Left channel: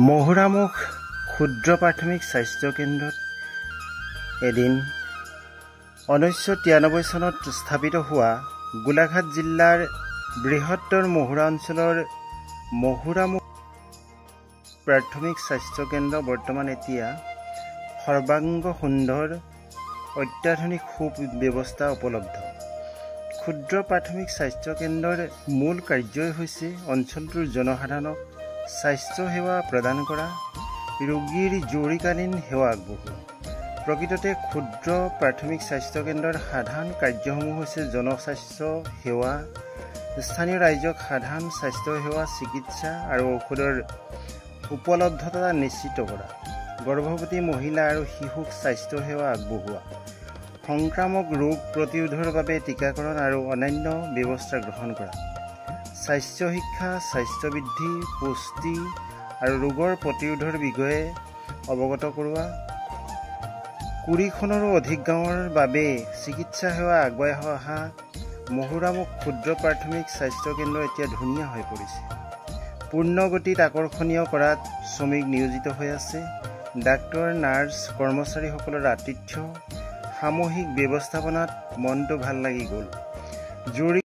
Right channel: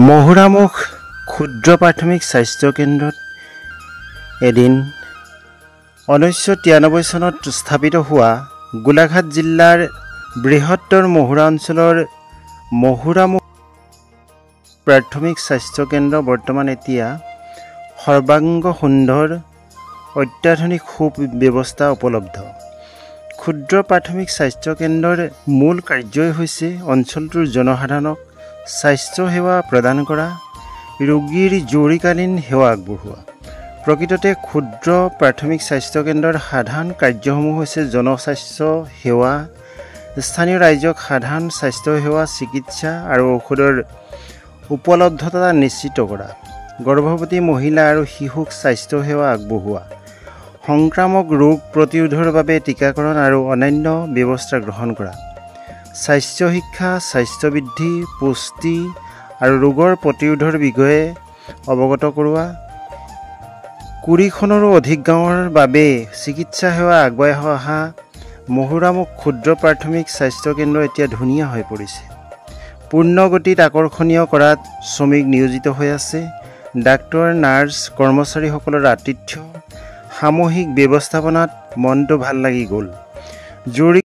মহুৰামুখ ক্ষুদ্ৰ প্ৰাথমিক স্বাস্থ্য কেন্দ্ৰত এদিন 1993 চনত স্থাপিত হোৱা গোলাঘাট জিলাৰ বৃহত্তৰ মহুৰা অঞ্চলৰ মহুৰামুখ প্ৰাথমিক স্বাস্থ্য কেন্দ্ৰ বৰ্তমান এতিয়া সৰ্বাংগ সুন্দৰ অত্যাধুনিক সুব্যৱস্থা উপলব্ধ। ক্ষুদ্ৰ প্ৰাথমিক স্বাস্থ্য কেন্দ্ৰৰ মূল কাৰ্যই হৈছে অঞ্চলটোৰ জনসাধাৰণক স্বাস্থ্য সেৱা প্ৰদান কৰা, ৰোগীৰ জৰুৰীকালীন সেৱা আগবঢ়োৱা। প্ৰকৃততে ক্ষুদ্ৰ প্ৰাথমিক স্বাস্থ্য কেন্দ্ৰৰ সাধাৰণ কাৰ্যসমূহ হৈছে জনস্বাস্থ্য সেৱা, স্থানীয় ৰাইজক সাধাৰণ স্বাস্থ্য সেৱা, চিকিৎসা আৰু ঔষধৰ উপলব্ধতা নিশ্চিত কৰা, গৰ্ভৱতী মহিলা আৰু শিশুক স্বাস্থ্য সেৱা আগবঢ়োৱা, সংক্ৰামক ৰোগ প্ৰতিৰোধৰ বাবে টীকাকৰণ আৰু অন্যান্য ব্যৱস্থা গ্ৰহণ কৰা, স্বাস্থ্য শিক্ষা, স্বাস্থ্য বৃদ্ধি, পুষ্টি আৰু ৰোগৰ প্ৰতিৰোধৰ বিষয়ে অৱগত কৰোৱা, 20খনৰো অধিক গাঁৱৰ বাবে চিকিৎসা সেৱা আগবঢ়াই অহা মহুৰামুখ ক্ষুদ্ৰ প্ৰাথমিক স্বাস্থ্য কেন্দ্ৰ এতিয়া ধুনীয়া হৈ পৰিছে। পূৰ্ণ গতিত আকৰ্ষণীয় কৰাত শ্ৰমিক নিয়োজিত হৈ আছে। ডাক্তৰ, নাৰ্ছ, কৰ্মচাৰীসকলৰ আতিথ্য, সামূহিক ব্যৱস্থাপনাত মনটো ভাল লাগি গ'ল। জৰুৰী